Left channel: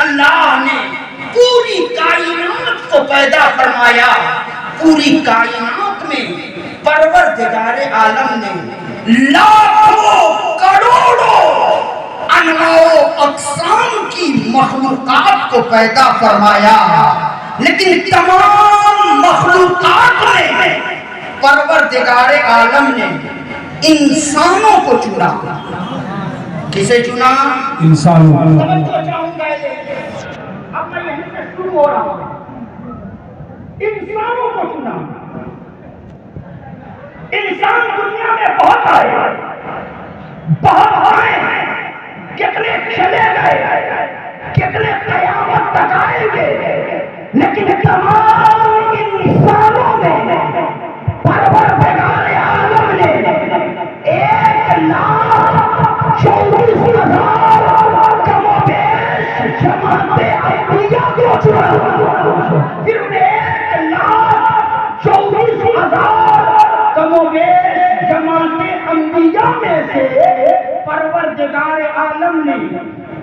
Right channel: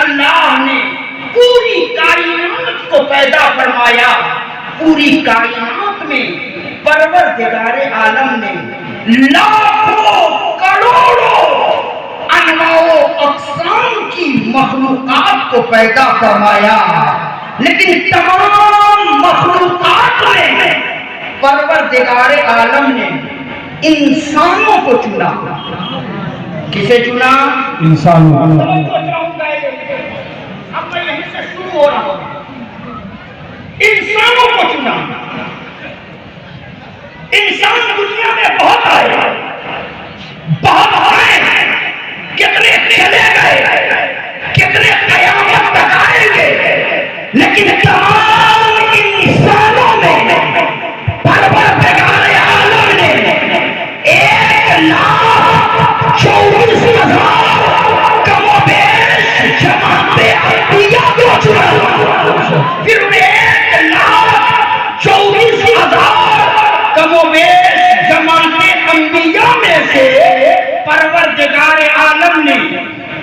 اللہ نے پوری کائنات کو پیدا فرمایا، پوری کائنات میں پروردگار عالم نے لاکھوں کروڑوں انواع و اقسام کی مخلوقات کو پیدا فرمایا، لیکن تمام مخلوقات میں پروردگار عالم نے انسانوں کو چنا۔ کسے چنا؟ انسانوں۔ اب میں یہیں سے شروع ہو رہا ہوں۔ انسانوں کو چنا۔ انسان دنیا میں بہت آئے، بہت آئے ہیں، کتنے چلے گئے، کتنے قیامت تک آئیں گے، لیکن تمام انسانوں میں پروردگار عالم نے 1,24,000 کم و بیش جماعت انبیاء کو چنا۔ پھر 1,24,000 کم و بیش جماعت انبیاء میں سے پروردگار عالم نے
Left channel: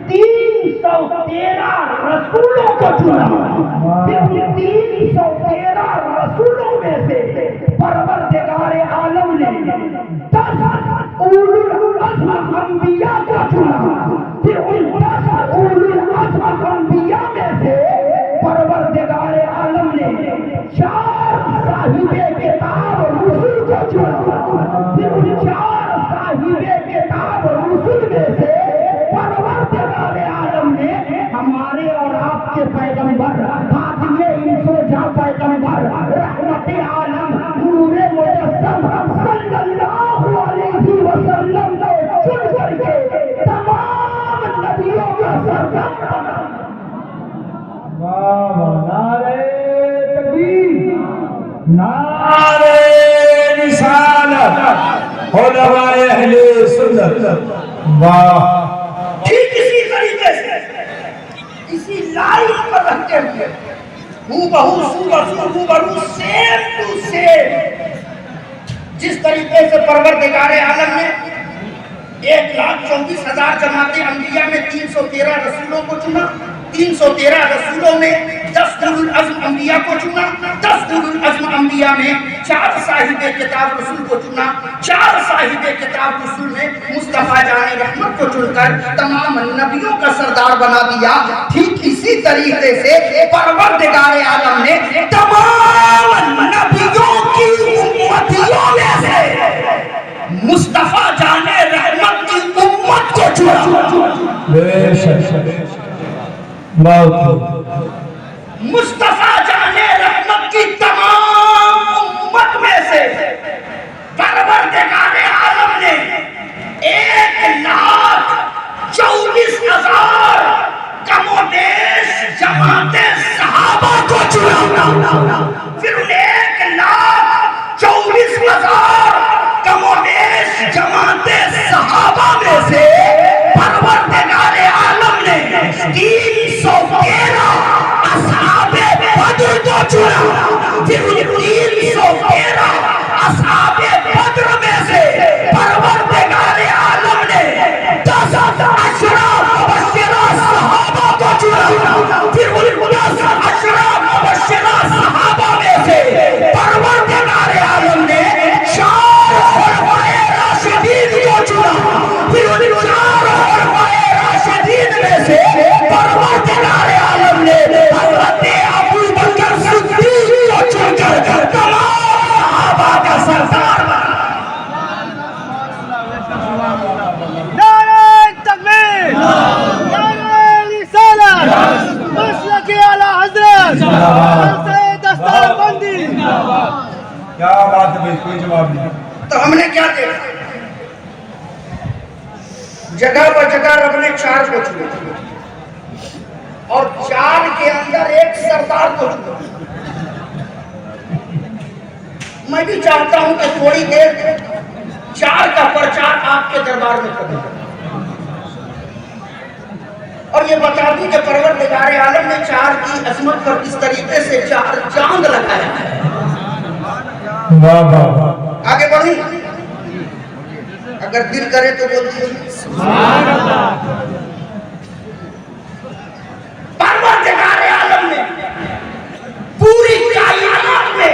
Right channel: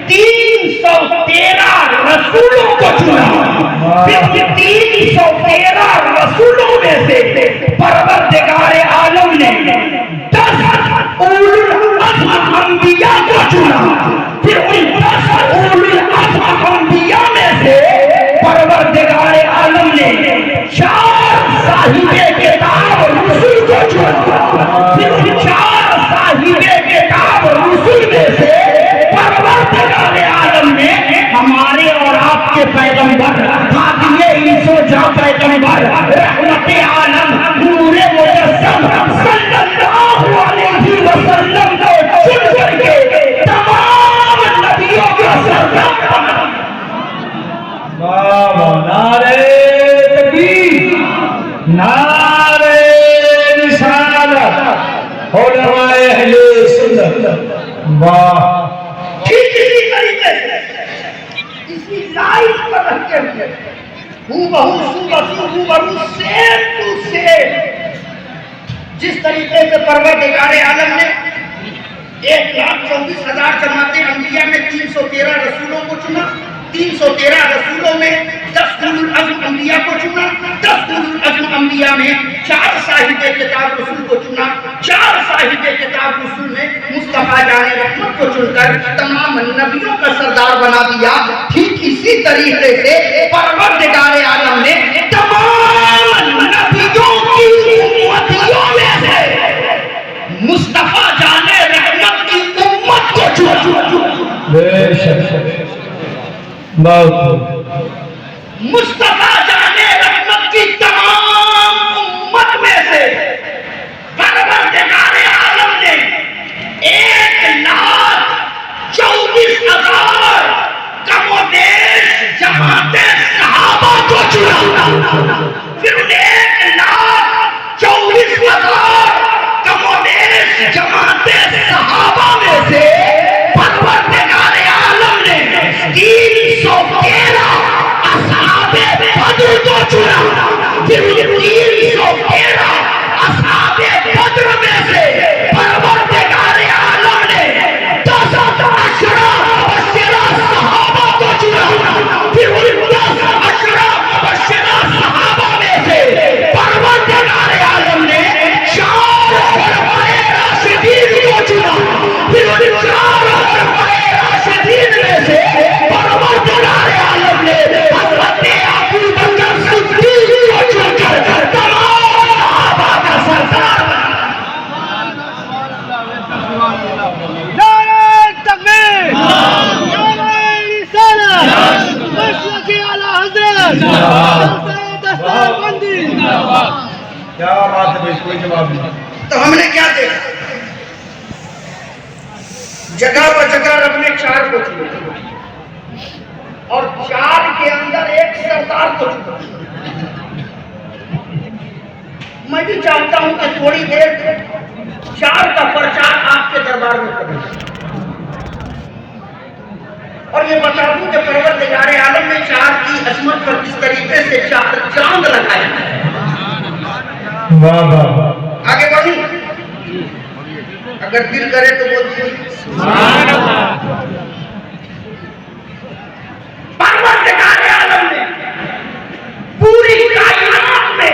313 رسولوں کو چنا۔ پھر 313 رسولوں میں سے پروردگار عالم نے 10 اولو العزم انبیاء کو چنا۔ پھر ان 10 اولو العزم انبیاء میں سے پروردگار عالم نے 4 صاحب کتاب رسول کو چنا۔ پھر ان 4 صاحب کتاب رسول میں سے پروردگار عالم نے ہمارے اور آپ کے پیغمبر خاتم انس و جاں پیغمبر رحمت عالم نور مجسم صلی اللہ علیہ وسلم کو چن کر کے تمام نبیوں کا سردار بنا۔ نعرہ تکبیر، نعرہ رسالت، علماء اہل سنت۔ واہ! ٹھیک اسی طریقے سے اسی لائن پر رکھتے ہوئے ہو سیم ٹو سیم جس طریقے سے پروردگار عالم نے 1,24,000 جماعت انبیاء میں 313 رسولوں کو چنا، 313 رسولوں میں 10 اولو العزم انبیاء کو چنا، 10 اولو العزم انبیاء میں 4 صاحب کتاب رسول کو چنا، 4 صاحب کتاب رسول میں مصطفیٰ جان رحمت کو چن کر تمام نبیوں کا سردار بنا دیا۔ ٹھیک اسی طریقے سے پروردگار عالم نے تمام نبیوں کی امتیوں میں سے مصطفیٰ جان رحمت کی امت کو چنا۔ بے شک بہت مصطفیٰ جان رحمت کی تمام امت میں سے پروردگار عالم نے 1,24,000 کم و بیش جماعت صحابہ کو چنا۔ پھر 1,24,000 کم و بیش جماعت صحابہ میں سے پروردگار عالم نے 313 اصحاب بدر کو چنا۔ پھر 313 اصحاب بدر میں سے پروردگار عالم نے 10 اشراف مبشرہ صحابہ کو چنا۔ پھر 10 اشراف مبشرہ صحابہ میں سے پروردگار عالم نے 4 خلفائے راشدین کو چنا۔ پھر 4 خلفائے راشدین میں سے پروردگار عالم نے حضرت ابو بکر صدیق کو چن کر تمام صحابہ کا سردار بنا۔ نعرہ تکبیر، نعرہ رسالت، مسلک اعلیٰ حضرت، جلسہ دستار بندی۔ کیا بات ہے، کوئی جواب نہیں۔ تو ہم نے کیا دیکھا؟ جگہ پر جگہ رب نے 4 کو چنا اور 4 کے اندر ایک سردار کو چنا۔ میں بھی چاہتا ہوں کہ تھوڑی دیر 4 کا پرچار آپ کے دربار میں کروں اور یہ بتا دوں کہ پروردگار عالم نے 4 کی عظمت پر کس طریقے سے 4 چاند لگایا ہے۔ واہ واہ! آگے بڑھیں، اگر دل کرے تو بولتے ہیں سبحان اللہ۔ پوری کائنات میں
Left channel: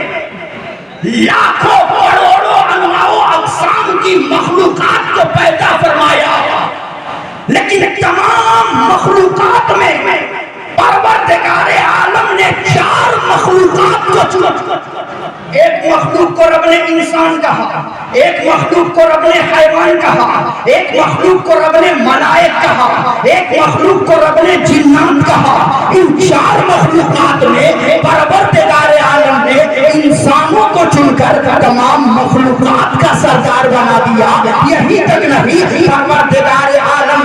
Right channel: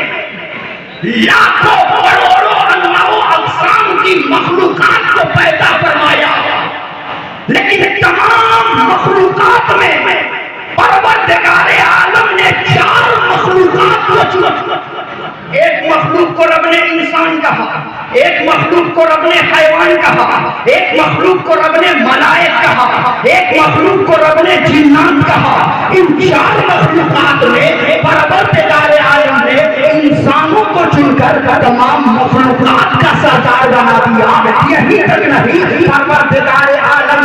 لاکھوں کروڑوں انواع اقسام کی مخلوقات کو پیدا فرمایا، لیکن تمام مخلوقات میں پروردگار عالم نے 4 مخلوقات کو چنا۔ ایک مخلوق کو رب نے انسان کہا، ایک مخلوق کو رب نے حیوان کہا، ایک مخلوق کو رب نے ملائک کہا، ایک مخلوق کو رب نے جنات کہا۔ ان 4 مخلوقات میں پروردگار عالم نے انسانوں کو چن کر تمام مخلوقات کا سردار بنا دیا۔ یہی تک نہیں، پروردگار عالم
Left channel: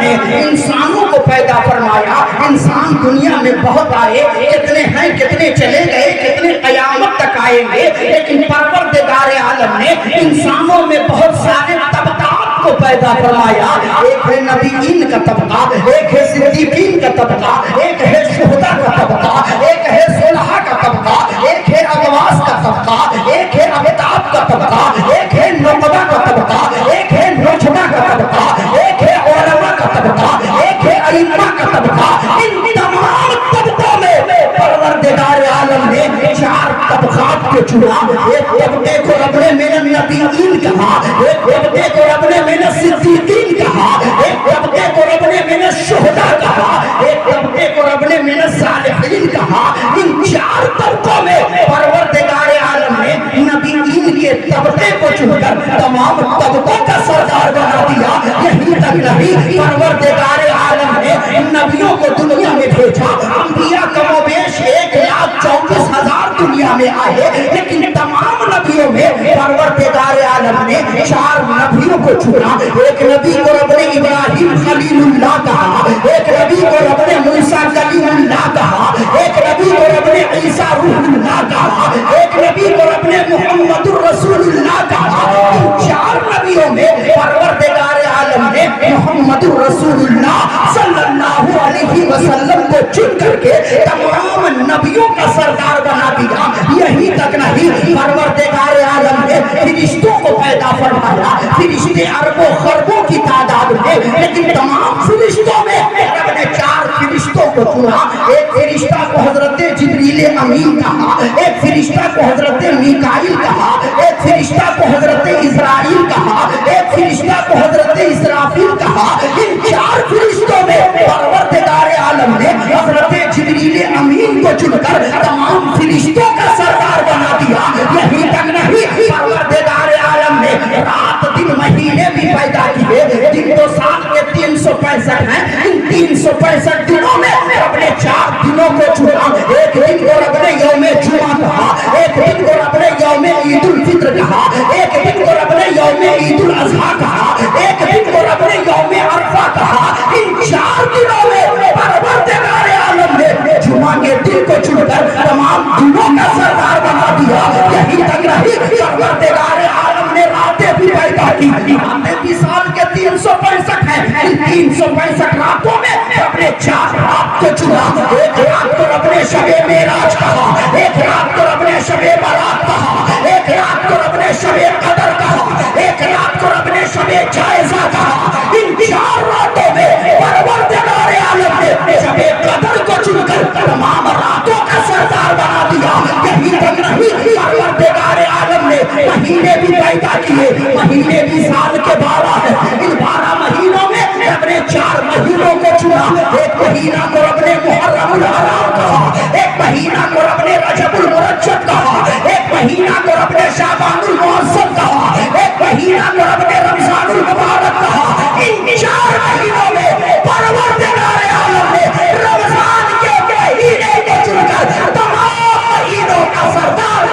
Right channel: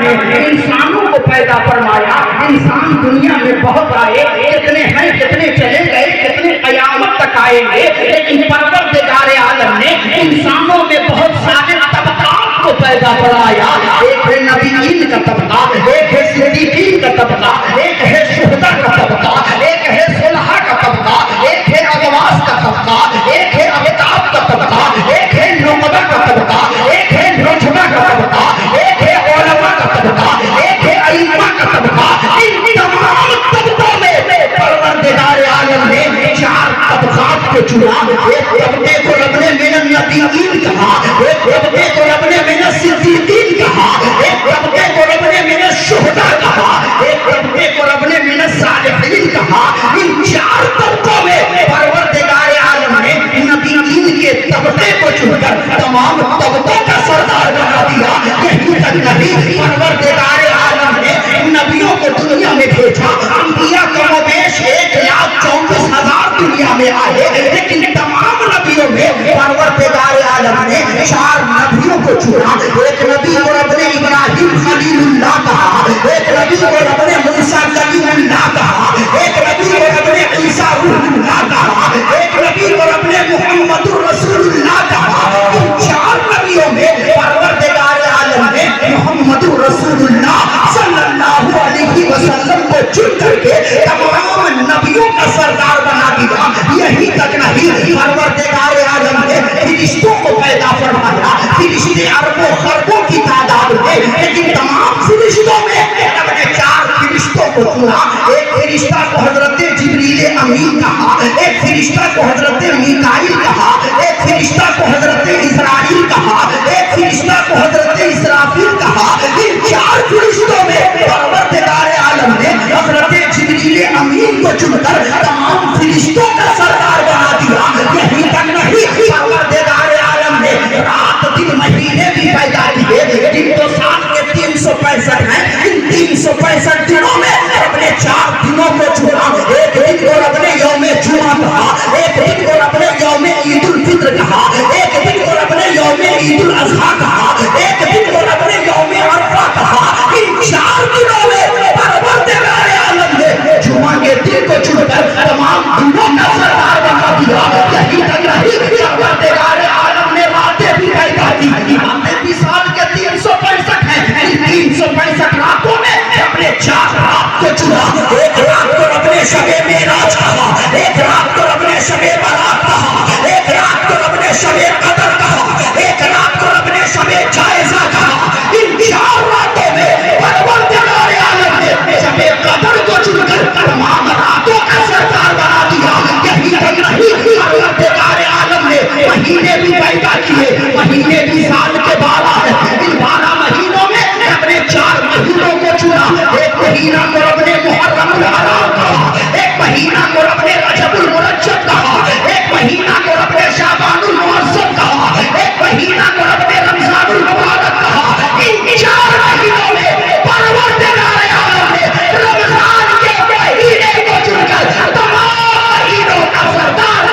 نے انسانوں کو پیدا فرمایا۔ انسان دنیا میں بہت آئے، کتنے ہیں، کتنے چلے گئے، کتنے قیامت تک آئیں گے، لیکن پروردگار عالم نے انسانوں میں بہت سارے طبقات کو پیدا فرمایا۔ ایک ہے نبیین کا طبقہ، ایک ہے صدیقین کا طبقہ، ایک ہے شہداء کا طبقہ، ایک ہے صلحاء کا طبقہ، ایک ہے اغواث کا طبقہ، ایک ہے اقطاب کا طبقہ، ایک ہے نقبہ کا طبقہ، ایک ہے نجبہ کا طبقہ، ایک ہے علماء کا طبقہ، ایک ہے ائمہ کا طبقہ۔ ان تمام طبقوں میں پروردگار عالم نے 4 طبقات کو چنا۔ ایک طبقے کو رب نے من النبیین کہا، ایک طبقے کو رب نے من الصدیقین کہا، ایک طبقے کو رب نے من الشہداء کہا، ایک طبقے کو رب نے من الصالحین کہا۔ ان 4 طبقوں میں پروردگار عالم نے نبیین کے طبقے کو چن کر تمام طبقوں کا سردار بنا دیا۔ یہی تک نہیں، پروردگار عالم نے نبیوں کو دنیا میں بھیجا۔ انبیاء کم و بیش 1,24,000 دنیا میں آئے، لیکن تمام نبیوں میں پروردگار عالم نے 4 نبیوں کو چنا۔ ایک نبی کو رب نے ابراہیم خلیل اللہ کہا، ایک نبی کو رب نے موسیٰ کلیم اللہ کہا، ایک نبی کو رب نے عیسیٰ روح اللہ کہا، ایک نبی کو رب نے محمد الرسول اللہ کہا۔ ان 4 نبیوں میں پروردگار عالم نے محمد الرسول اللہ صلی اللہ علیہ وسلم کو چن کر کے تمام نبیوں کا سردار بنا دیا۔ یہی تک نہیں، پروردگار عالم نے فرشتوں کو پیدا فرمایا۔ فرشتے اربوں خربوں کی تعداد میں، لیکن تمام فرشتوں میں رب نے 4 فرشتوں کو چنا۔ ایک فرشتہ کو حضرت جبریل امین کہا، ایک فرشتہ کو حضرت میکائیل کہا، ایک فرشتہ کو حضرت اسرائیل کہا، ایک فرشتہ کو حضرت اسرافیل کہا۔ ان 4 فرشتوں میں پروردگار عالم نے حضرت جبریل امین کو چن کر تمام فرشتوں کا سردار بنا دیا۔ یہی تک نہیں، پروردگار عالم نے رات دن مہینے بھی پیدا کیے۔ دن تو سال کے 365 ہیں، ان 365 دنوں میں رب نے 4 دنوں کو چنا۔ ایک دن کو رب نے یوم جمعہ کہا، ایک دن کو رب نے یوم عید الفطر کہا، ایک دن کو رب نے یوم عید الاضحیٰ کہا، ایک دن کو رب نے یوم عرفہ کہا۔ ان 4 دنوں میں پروردگار عالم نے جمعہ کے دن کو چن کر تمام دنوں کا سردار بنا دیا۔ یہی تک نہیں، پروردگار عالم نے راتیں بھی پیدا کی۔ راتیں بھی سال کے 365 ہیں، ان 365 راتوں میں رب نے 4 رات کو چنا۔ ایک رات کو رب نے شب معراج کہا، ایک رات کو رب نے شب برات کہا، ایک رات کو رب نے شب قدر کہا، ایک رات کو رب نے شب جائزہ کہا۔ ان 4 راتوں میں پروردگار عالم نے شب قدر کو چن کر تمام راتوں کا سردار بنا دیا۔ یہی تک نہیں، پروردگار عالم نے مہینے بھی پیدا کیے۔ مہینے بھی سال کے 12 ہیں، ان 12 مہینوں میں رب نے 4 مہینوں کو چنا۔ ایک مہینہ کو رب نے محرم الحرام کہا، ایک مہینہ کو رب نے رجب المرجب کہا، ایک مہینہ کو رب نے شعبان المعظم کہا، ایک مہینہ کو رب نے رمضان المبارک کہا۔ ان 4 مہینوں میں پروردگار عالم نے رمضان کے مہینے کو چن کر تمام مہینوں کا سردار۔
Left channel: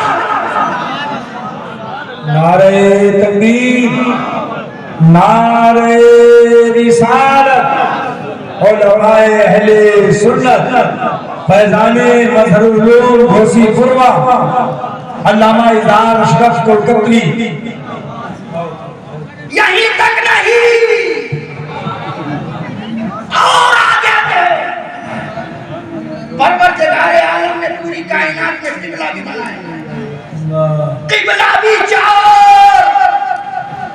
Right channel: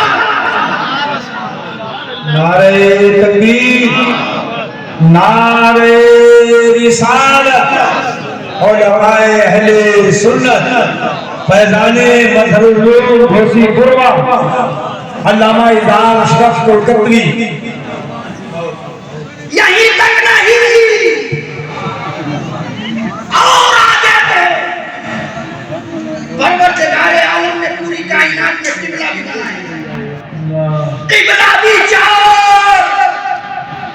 نعرہ تکبیر، نعرہ رسالت، علماء اہل سنت، فیضان مظہر العلوم گھوسی فرما، علامہ اظہار اشرف کوکتری۔ یہی تک نہیں، اور آگے تھے۔ پروردگار عالم نے پوری کائنات میں قبلہ بھی بنایا۔ قبلہ بھی 4۔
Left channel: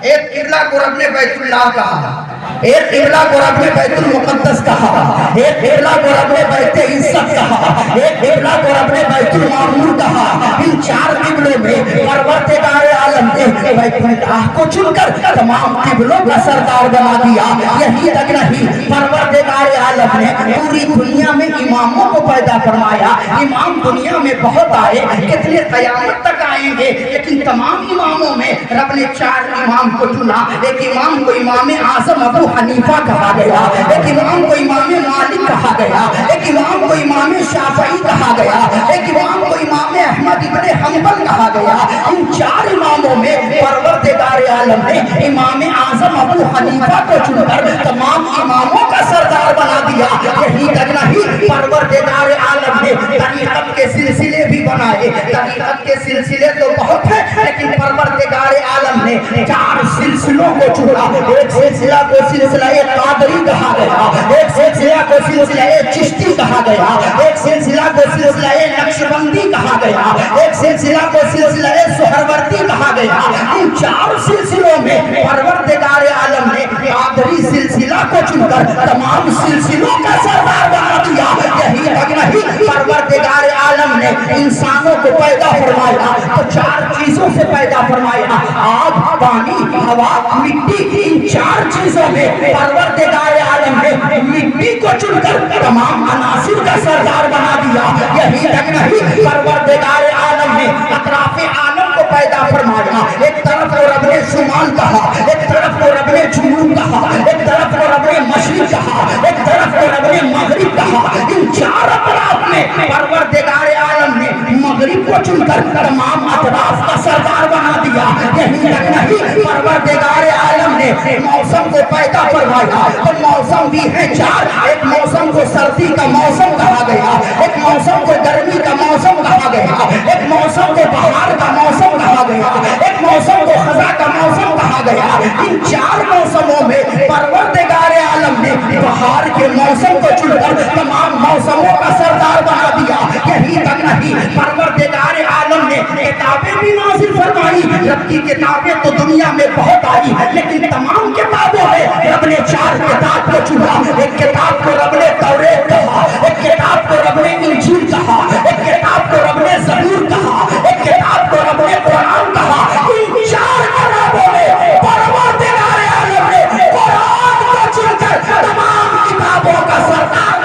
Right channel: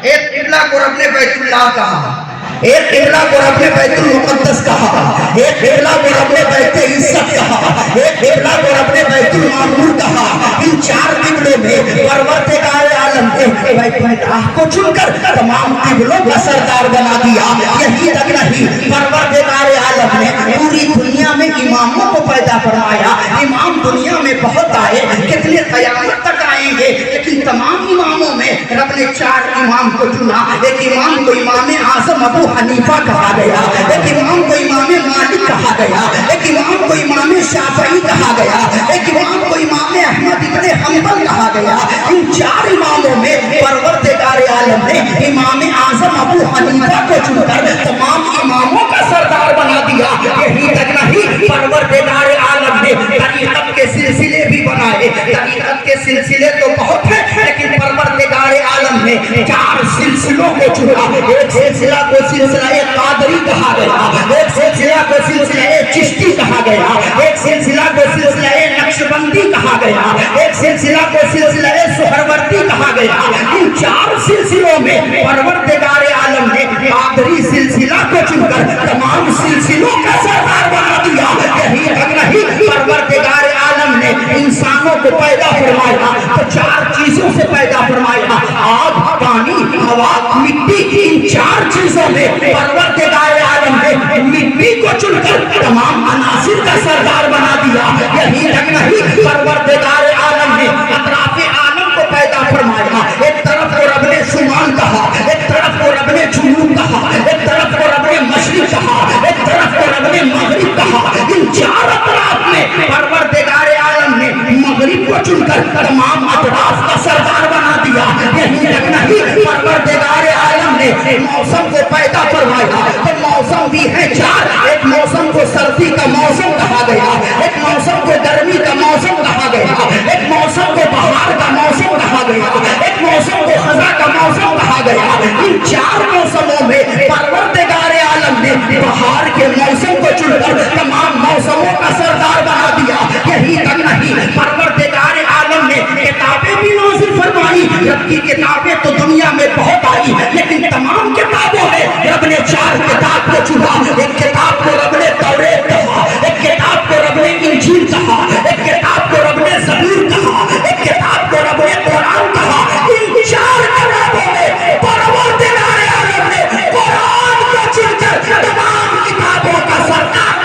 ایک قبلہ کو رب نے بیت اللہ کہا، ایک قبلہ کو رب نے بیت المقدس کہا، ایک قبلہ کو رب نے بیت عزت کہا، ایک قبلہ کو رب نے بیت المعمور کہا۔ ان چار قبلوں میں پروردگار عالم نے بیت اللہ کو چن کر تمام قبلوں کا سردار بنا دیا۔ یہی تک نہیں، پروردگار عالم نے پوری دنیا میں اماموں کو پیدا فرمایا۔ امام دنیا میں بہت آئے، کتنے قیامت تک آئیں گے، لیکن تمام اماموں میں رب نے چار امام کو چنا۔ ایک امام کو امام اعظم ابو حنیفہ کہا گیا، ایک امام کو امام مالک کہا گیا، ایک امام کو امام شافعی کہا گیا، ایک امام کو امام احمد ابن حنبل کہا گیا۔ ان چار اماموں میں پروردگار عالم نے امام اعظم ابو حنیفہ کو چن کر تمام اماموں کا سردار بنا دیا۔ یہی تک نہیں، پروردگار عالم نے طریقت کے سلسلے بھی بنائے۔ طریقت کے سلسلے تو بہت ہیں، لیکن پروردگار عالم نے چار سلسلوں کو چنا۔ ایک سلسلہ کو سلسلہ قادری کہا گیا، ایک سلسلہ کو سلسلہ چشتی کہا گیا، ایک سلسلہ کو سلسلہ نقشبندی کہا گیا، ایک سلسلہ کو سلسلہ سہروردی کہا گیا۔ ان چار سلسلوں میں پروردگار عالم نے قادری سلسلہ کو چن کر تمام سلسلوں کا سردار بنا دیا۔ یہی تک نہیں، پروردگار عالم نے انسانوں کو پیدا فرمایا تو چار چیزوں سے پیدا فرمایا: آگ، پانی، ہوا، مٹی۔ ان چار چیزوں میں پروردگار عالم نے مٹی کو چن کر تمام عناصر کا سردار بنا دیا۔ یہی تک نہیں، پروردگار عالم نے اطراف عالم کو پیدا فرمایا۔ ایک طرف کو رب نے شمال کہا، ایک طرف کو رب نے جنوب کہا، ایک طرف کو رب نے مشرق کہا، ایک طرف کو رب نے مغرب کہا۔ ان چار اطراف میں پروردگار عالم نے مغرب کو چن کر تمام اطراف کا سردار بنا دیا۔ یہی تک نہیں، پروردگار عالم نے موسم کو پیدا فرمایا تو موسم بھی ہے چار۔ ایک موسم کو سردی کا موسم کہا گیا، ایک موسم کو گرمی کا موسم کہا گیا، ایک موسم کو بہار کا موسم کہا گیا، ایک موسم کو خزاں کا موسم کہا گیا۔ ان چار موسموں میں پروردگار عالم نے بہار کے موسم کو چن کر تمام موسموں کا سردار بنا دیا۔ یہی تک نہیں، پروردگار عالم نے کتابیں بھی نازل فرمائی۔ رب کی کتابیں تو دنیا میں بہت آئی، لیکن تمام کتابوں میں رب نے چار کتاب کو چنا۔ ایک کتاب کو رب نے توریت کہا، ایک کتاب کو رب نے انجیل کہا، ایک کتاب کو رب نے زبور کہا، ایک کتاب کو رب نے قرآن کہا۔ ان چار کتابوں میں پروردگار عالم نے قرآن کو چن کر تمام کتابوں کا سردار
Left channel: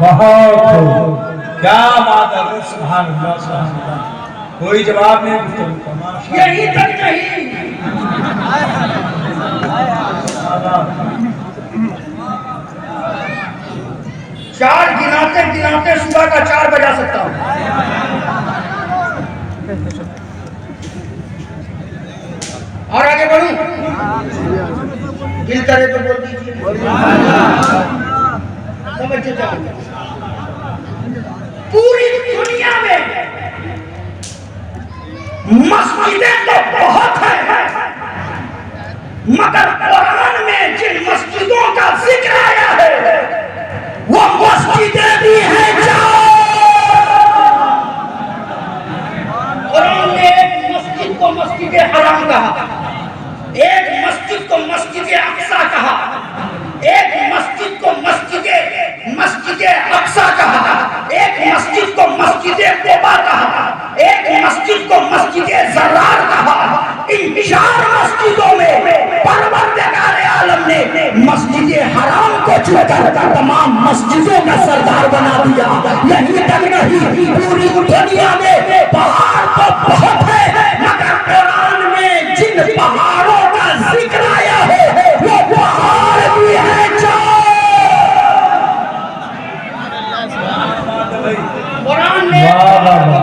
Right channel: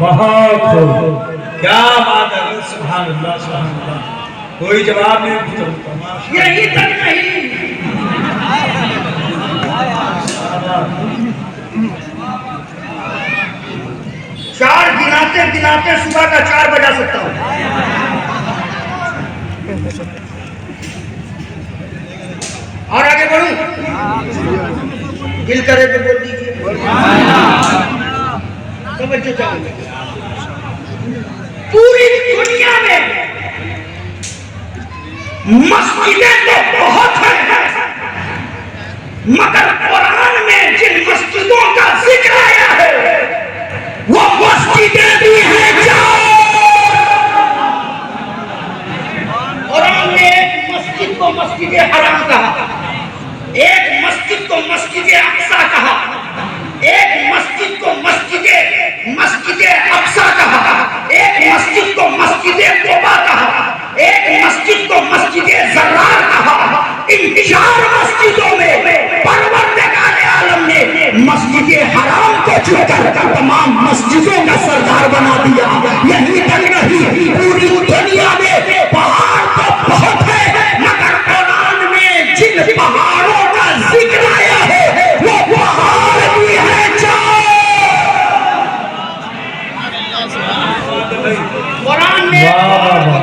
بہت خوب، کیا بات ہے، سبحان اللہ سبحان اللہ۔ کوئی جواب نہیں۔ یہی تک نہیں، چار گناتے گناتے صبح کا 4 بجا سکتا ہوں۔ اور آگے بڑھوں، دل کرے تو بول دیجیے، سمجھتے چاہیے۔ پوری دنیا میں مسجدیں تو بہت ہیں، مگر قرآن میں جن مسجدوں کا ذکر آیا ہے وہ مسجدیں بھی ہیں قرآن نے ایک مسجد کو مسجد حرام کہا، ایک مسجد کو مسجد اقصی کہا، ایک مسجد کو مسجد اقصی کہا، ایک مسجد کو مسجد قباء کہا، ایک مسجد کو مسجد زرار کہا۔ ان چار مسجدوں میں پروردگار عالم نے مسجد حرام کو چن کر تمام مسجدوں کا سردار بنا دیا۔ یہی تک نہیں، پوری دنیا میں پہاڑ تو بہت ہے، مگر قرآن میں جن پہاڑوں کا ذکر آیا ہے وہ پہاڑ بھی ہے چار۔ قرآن نے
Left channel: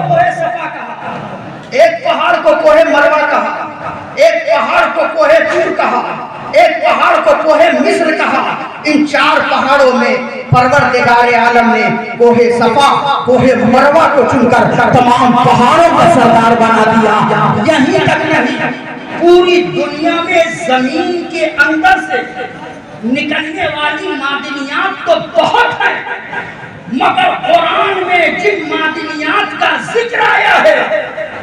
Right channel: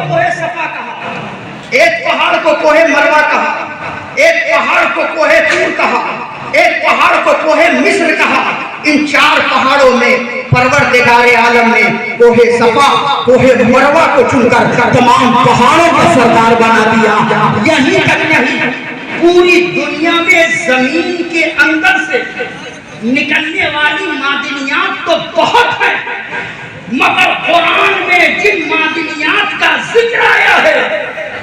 کوہ صفا کہا، ایک پہاڑ کو کوہ مروہ کہا، ایک پہاڑ کو کوہ طور کہا، ایک پہاڑ کو کوہ مصر کہا۔ ان چار پہاڑوں میں پروردگار عالم نے کوہ صفا، کوہ مروہ کو چن کر تمام پہاڑوں کا سردار بنا دیا۔ یہی تک نہیں، پوری دنیا میں زمین کے اندر سے نکلنے والی معدنیات تو بہت ہیں، مگر قرآن میں جن معدنیات کا ذکر آیا ہے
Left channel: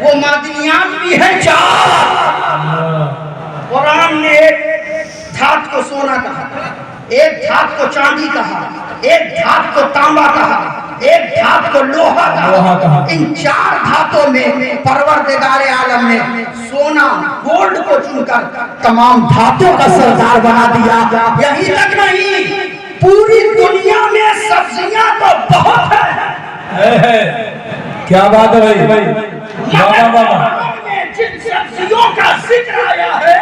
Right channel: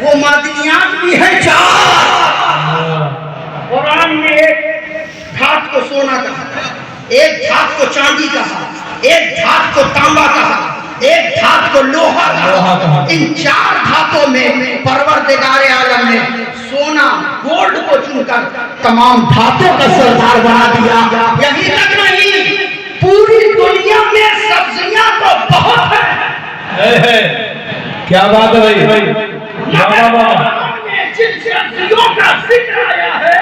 وہ معدنیات بھی ہیں چار۔ قرآن نے ایک دھات کو سونا کہا، ایک دھات کو چاندی کہا، ایک دھات کو تانبا کہا، ایک دھات کو لوہا کہا۔ ان چار دھاتوں میں پروردگار عالم نے سونا گولڈ کو چن کر تمام دھاتوں کا سردار بنا دیا۔ یہی تک نہیں، پوری دنیا میں سبزیاں تو بہت ہیں۔ کیا بات ہے بھائی؟ جن سبزیوں کا ذکر آیا ہے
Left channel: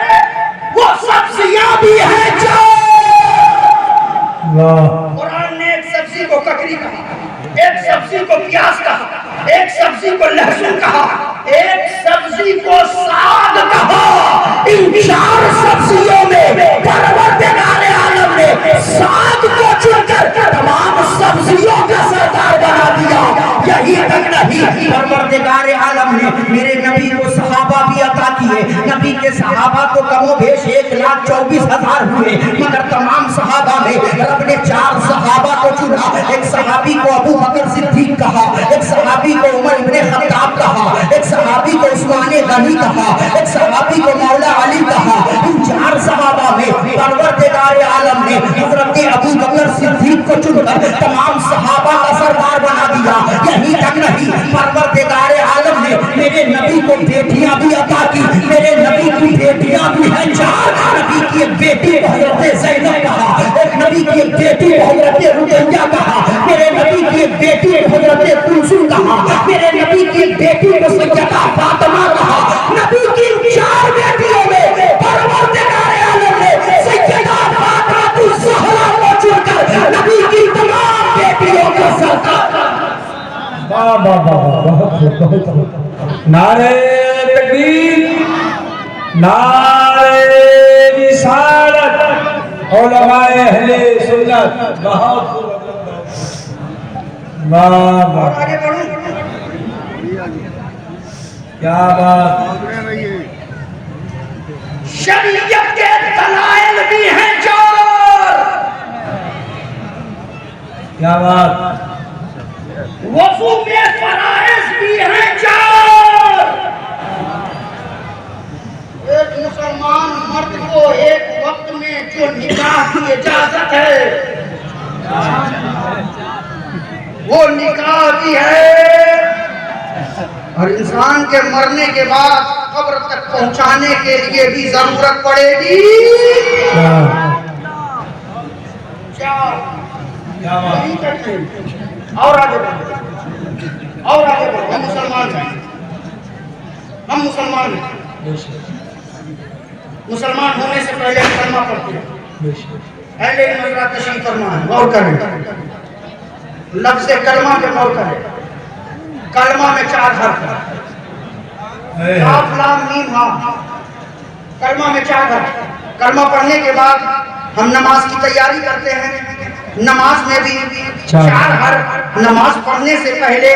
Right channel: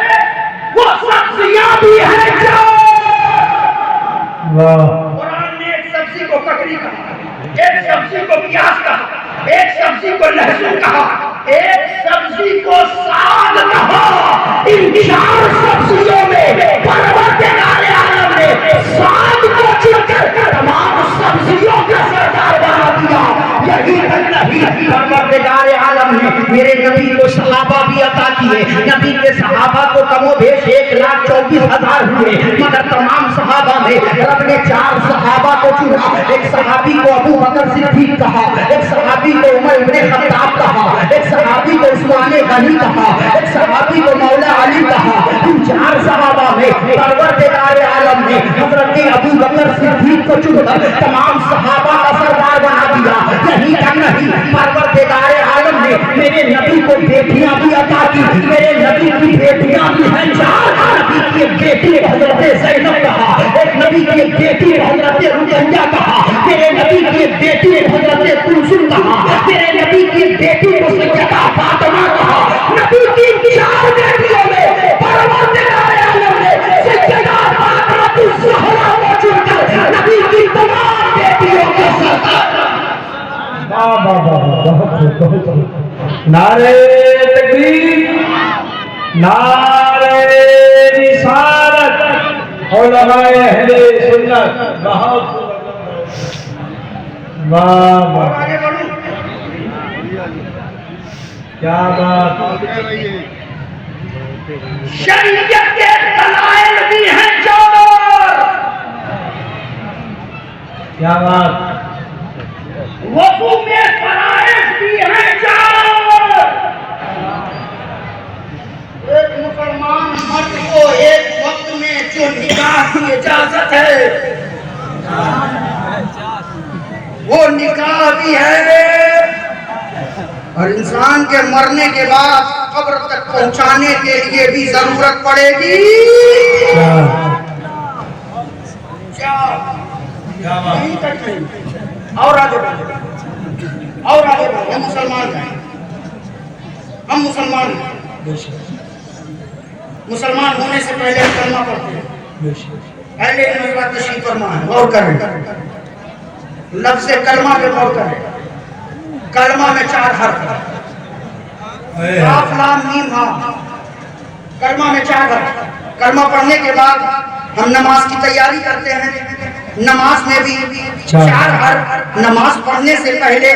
وہ سبزیاں بھی ہیں جو قرآن نے ایک سبزی کو ککڑی کہا، ایک سبزی کو پیاز کہا، ایک سبزی کو لہسن کہا، ایک سبزی کو ساگ کہا۔ ان چار سبزیوں میں پروردگار عالم نے ساگ کو چن کر تمام سبزیوں کا سردار بنا دیا۔ یہی تک نہیں، پروردگار عالم نے میرے نبی کو صحابہ بھی عطا کیے۔ نبی کے صحابہ کو کم و بیش 1,24,000 ہوئے، مگر تمام صحابہ میں رب نے 4 صحابہ کو چنا۔ ایک صحابی کو ابو بکر صدیق کہا، ایک صحابی کو عمر ابن خطاب کہا، ایک صحابی کو عثمان غنی کہا، ایک صحابی کو مولا علی کہا۔ ان 4 صحابہ میں پروردگار عالم نے حضرت ابو بکر صدیق کو چن کر تمام صحابہ کا سردار بنا دیا۔ یہی تک نہیں، پروردگار عالم نے میرے نبی کو بیٹیاں بھی عطا کی۔ میرے نبی کی بیٹیاں بھی ہیں 4۔ نبی کی ایک بیٹی کو حضرت زینب کہا، ایک نبی کی ایک بیٹی کو حضرت رقیہ کہا، میرے نبی کی ایک بیٹی کو حضرت کلثوم کہا، میرے نبی کی ایک بیٹی کو سیدہ فاطمہ کہا۔ نبی کی 4 بیٹیوں میں پروردگار عالم نے سیدہ فاطمہ الزہرا کو چن کر نبی کی تمام بیٹیوں کا سردار۔ نعرہ تکبیر، نعرہ رسالت، علماء اہل سنت، بہت واہ واہ، آگے بڑھوں، کیا بات، شریعت کے دلائل بھی ہیں 4۔ کیا بات، وضو میں فرائض بھی ہیں 4۔ ایک مسلمان مرد کو ایک وقت میں جو نکاح کی اجازت ہے وہ نکاح بھی ہے، اور انسان کے مرنے کے بعد قبر تک پہنچانے کے لیے بھی ضرورت پڑے گی۔ اور آگے بڑھیں، اور آگے بڑھیں، ہم مسلمان ہیں، ہم مسلمان ہیں، مسلمان ہونے سے پہلے کلمہ پڑھتے ہیں۔ اہل علم حضرات تشریف فرما ہے، غور کریں، لفظ کلمہ پہ غور کریں۔ کلمہ میں 4 حرف ہیں، کاف لام میم ہاں۔ کلمہ میں 4 حرف۔ کلمہ پڑھنے کے بعد ہم نماز کی تیاری کرتے ہیں، نماز میں بھی 4 حرف۔ نماز پڑھنے سے پہلے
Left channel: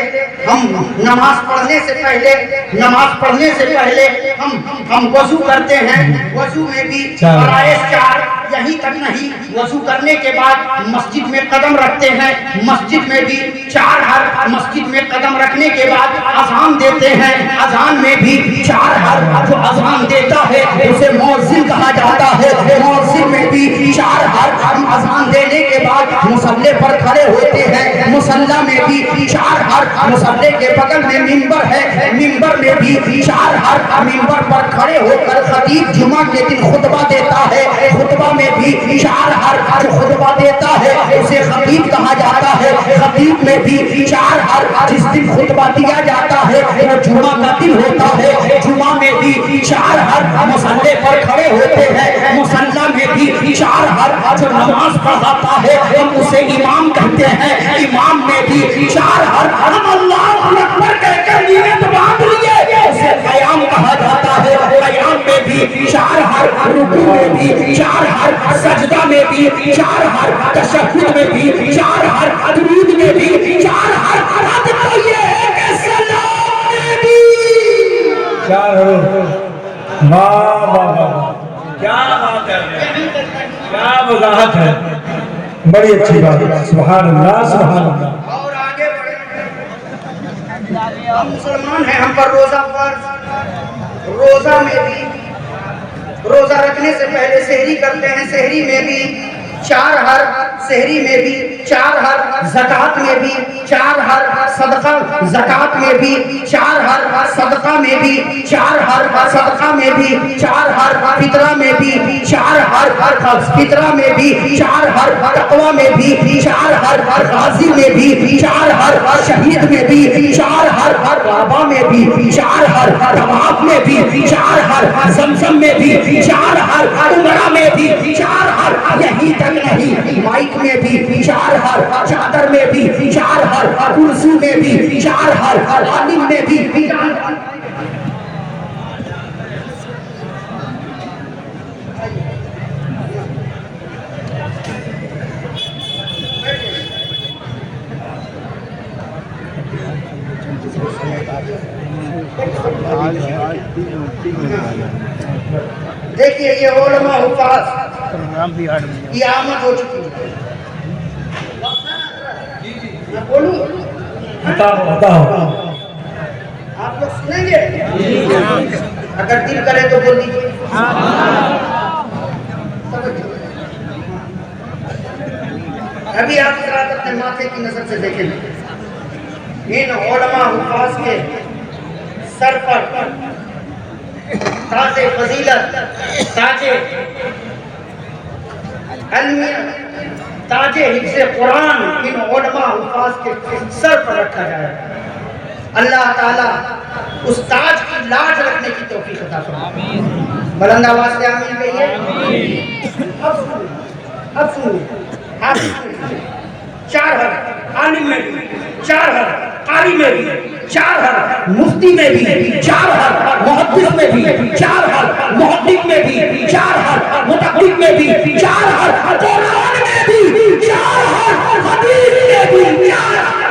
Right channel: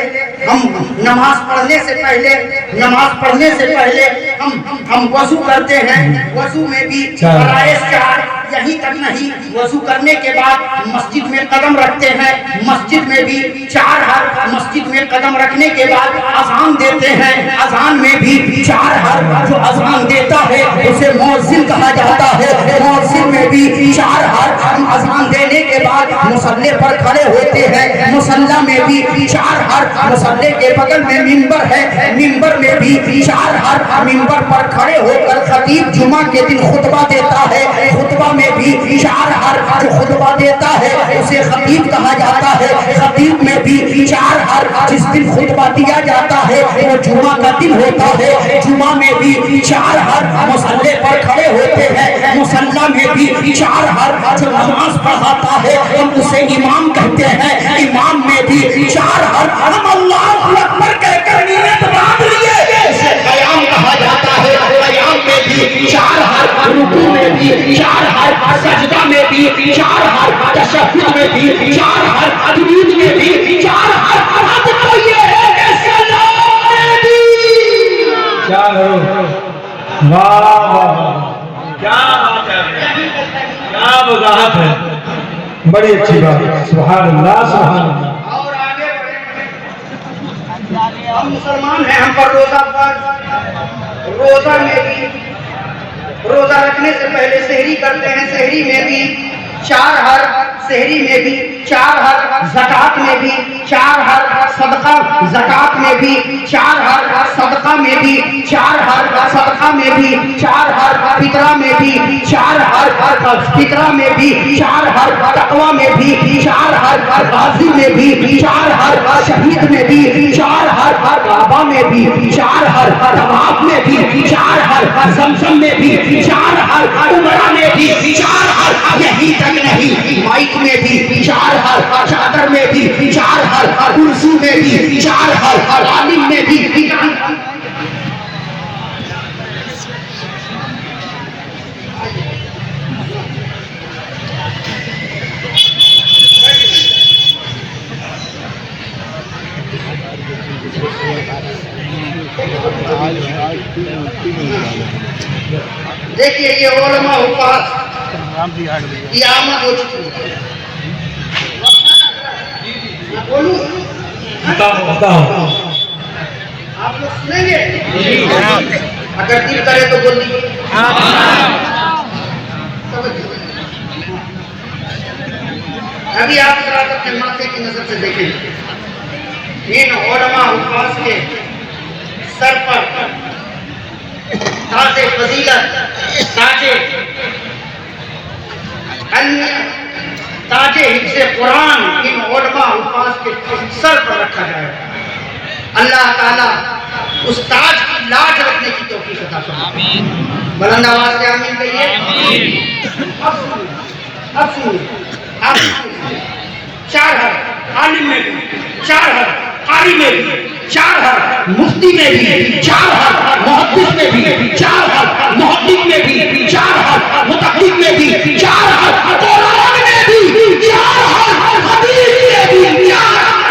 ہم وضو کرتے ہیں، وضو میں بھی فرائض 4۔ یہی تک نہیں، وضو کرنے کے بعد مسجد میں قدم رکھتے ہیں، مسجد میں بھی 4 حرف۔ مسجد میں قدم رکھنے کے بعد اذان دیتے ہیں، اذان میں بھی 4 حرف۔ جو اذان دیتا ہے اسے مؤذن کہا جاتا ہے، مؤذن میں بھی 4 حرف۔ ہم اذان دینے کے بعد مصلی پر کھڑے ہوتے ہیں، مصلی میں بھی 4 حرف۔ مصلی کے بغل میں منبر ہے، منبر میں بھی 4 حرف۔ منبر پر کھڑے ہو کر خطیب جمعہ کے دن خطبہ دیتا ہے، خطبہ میں بھی 4 حرف۔ جو خطبہ دیتا ہے اسے خطیب کہا جاتا ہے، خطیب میں بھی 4 حرف۔ جس دن خطبہ دیا جاتا ہے وہ جمعہ کا دن ہوتا ہے، جمعہ میں بھی 4 حرف۔ مصلی پر کھڑے ہوتے ہیں، مصلی میں بھی 4 حرف۔ جو نماز پڑھاتا ہے ہم اسے امام کہتے ہیں، امام میں بھی 4 حرف۔ ہم اللہ اکبر کہہ کر نیت باندھ لیے اسے قیام کہا جاتا ہے، قیام میں بھی 4 حرف۔ رکوع میں بھی 4 حرف، سجدہ میں بھی 4 حرف، تشہد میں بھی 4 حرف، تجوید میں بھی 4 حرف۔ حد تو یہ ہے کہ سلام بھی 4 حروف، واہ واہ واہ، کیا بات ہے، کیا وضاحت ہے، بڑی اچھی بات ہے، سبحان اللہ سبحان اللہ۔ اور آگے بڑھیں، ہم مسلمان ہیں، ہم پر روزہ فرض۔ روزہ میں بھی روزہ رکھنے سے پہلے سحری کرتے ہیں، سحری میں بھی 4 حرف، سحری میں بھی 4 حرف، زکات میں بھی 4 حرف، صدقہ زکات میں بھی 4 حرف، صدقہ میں بھی 4 حرف، صدقہ میں بھی 4 حرف، فطرہ میں بھی 4 حرف، فطرہ میں بھی 4 حرف، تقویٰ میں بھی 4 حرف، غازی میں بھی 4 حرف، شہید میں بھی 4 حرف، کعبہ میں بھی 4 حرف، طواف میں بھی 4 حرف، زمزم میں بھی 4 حرف، عمرہ میں بھی 4 حرف، یہی تک نہیں مائک میں بھی 4 حرف، چادر میں بھی 4 حرف، کرسی میں بھی 4 حرف، عالم میں بھی 4 حرف۔ دیکھیے یہ علماء حفاظ کی آمد ہو چکی ہے۔ میں بولوں بتاؤ آپ لوگ سنیں گے؟ اگر دل کرے تو بول دیجیے۔ ابھی آپ ذرا اپنے ماتھے کی نظر سے دیکھیں گے، ان علماء حفاظ کے سر پر تاج فضیلت، تاج تاج حفظ قرآن ان علماء حفاظ کے سر پر رکھا جائے۔ اللہ تعالیٰ اس تاج کی لاج رکھنے کی توفیق عطا فرمائے۔ بلند آواز سے آمین کہیے۔ اب سنیے 4 حرف، عالم میں بھی 4 حرف، قاری میں بھی 4 حرف، مفتی میں بھی 4 حرف، محدث میں بھی 4 حرف، محقق میں بھی 4 حرف، متقدم میں بھی 4 حرف، قرآن میں بھی 4 حرف، حدیث میں بھی 4 حرف،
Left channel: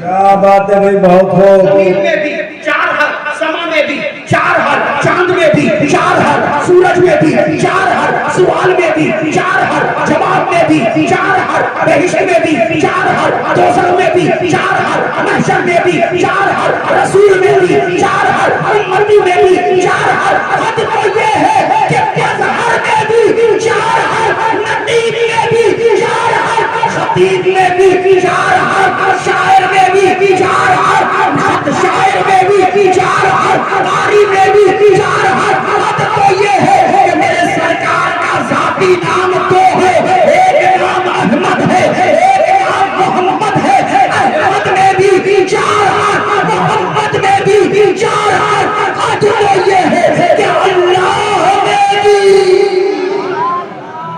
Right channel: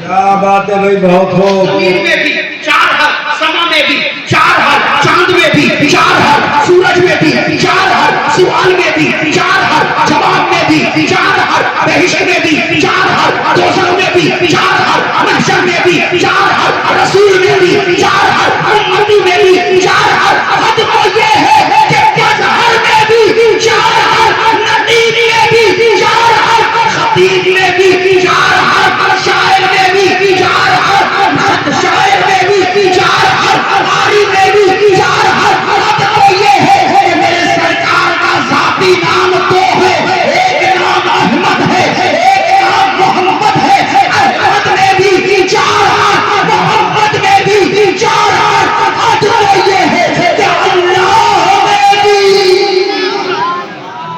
کیا بات ہے بھائی، بہت ہو۔ زمین میں بھی 4 حرف، سما میں بھی 4 حرف، چاند میں بھی 4 حرف، سورج میں بھی 4 حرف، سوال میں بھی 4 حرف، جواب میں بھی 4 حرف، بہشت میں بھی 4 حرف، دوزخ میں بھی 4 حرف، محشر میں بھی 4 حرف، رسول میں بھی 4 حرف، امتی میں بھی 4 حرف۔ حد تو یہ ہے کہ مظہر میں بھی 4 حرف، نقیب میں بھی 4 حرف، خطیب میں بھی 4 حرف، شاعر میں بھی 4 حرف، شاعر میں بھی 4 حرف، قاری میں بھی 4 حرف۔ حد تو یہ ہے کہ میرے سرکار کا ذاتی نام 2 ہے، ایک نام احمد ہے، ایک نام محمد ہے۔ احمد میں بھی 4 حرف، محمد میں بھی 4 حرف۔ حد تو یہ ہے کہ اللہ میں بھی